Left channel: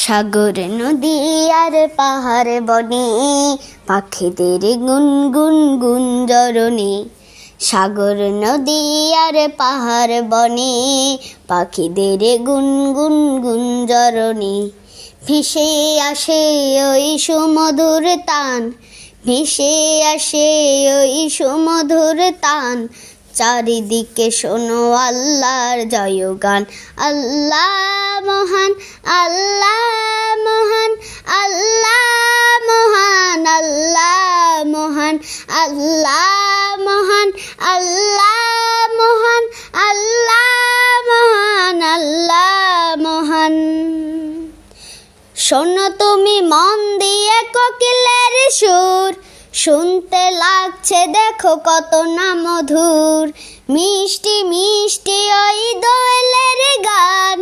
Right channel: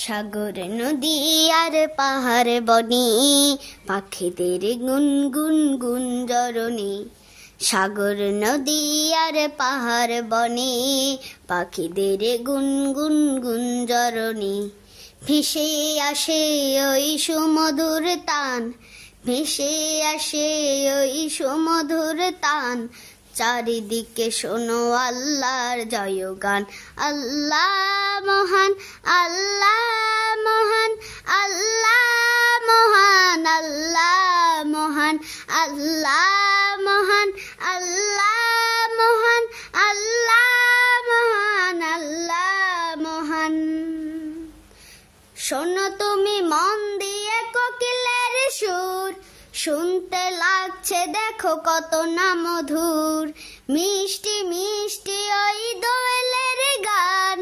সাগর নদী আর পাহাড় বনে পাখিদের গুনগুন গুঞ্জরণে। সাগর নদী আর পাহাড় বনে পাখিদের গুনগুন গুঞ্জরণে। ভেসে আসে ওই সুমধুর তান, ভেসে আসে ওই সুমধুর তান। চারিদিকে শোনো আল্লাহর জয়গান। আল্লাহ মহান, আল্লাহ মহান, আল্লাহ মহান, আল্লাহ মহান, আল্লাহ মহান, আল্লাহ মহান, আল্লাহ মহান, আল্লাহ মহান। শোনো তুমি মন দিয়ে কোকিলের সুর, শুনতে লাগছে দেখো কত না মধুর। মিষ্টি মিষ্টি ওই দোয়েলের গান,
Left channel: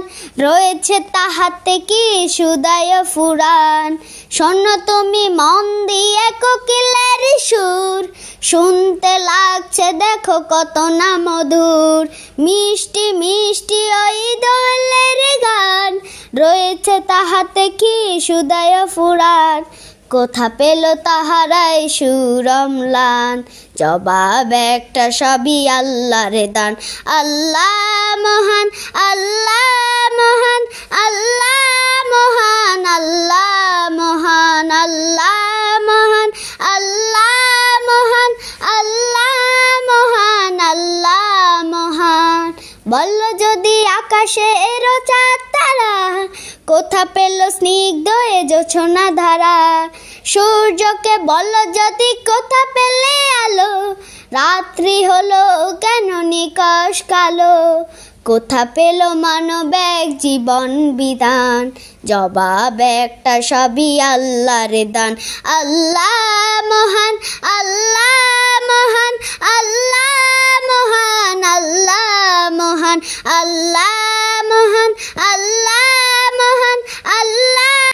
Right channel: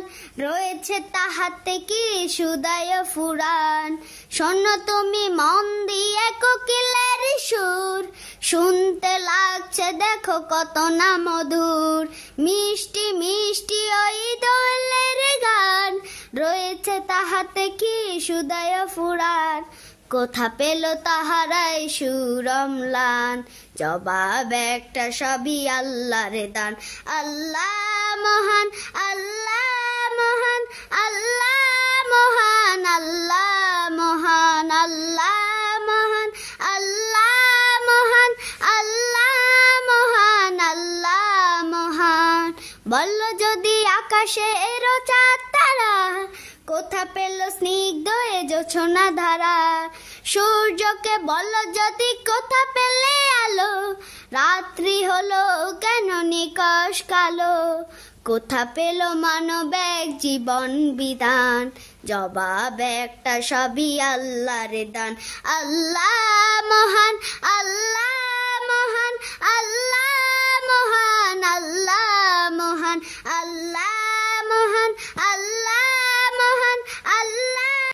রয়েছে তাহাতে কি সুদায় ফুরান। শোনো তুমি মন দিয়ে কোকিলের সুর, শুনতে লাগছে দেখো কত না মধুর। মিষ্টি মিষ্টি ওই দোয়েলের গান, রয়েছে তাহাতে কি সুদায় ফুরান। কোথা পেল তাহারাই সুরমলান, জবাব একটা সবই আল্লাহর দান। আল্লাহ মহান, আল্লাহ মহান, আল্লাহ মহান, আল্লাহ মহান, আল্লাহ মহান, আল্লাহ মহান, আল্লাহ মহান, আল্লাহ মহান। বল যদি আকাশে এরো চাঁদ তারা, কোথা পেল স্নিগ্ধ এ জোছনা ধারা। সূর্যকে বল যদি কোথা পেলে আলো, রাত্রি হলো কেন নিকষ কালো। কোথা পেল মানব এক জীবন বিধান, জবাব একটা সবই আল্লাহর দান। আল্লাহ মহান, আল্লাহ মহান, আল্লাহ মহান, আল্লাহ মহান, আল্লাহ মহান, আল্লাহ মহান, আল্লাহ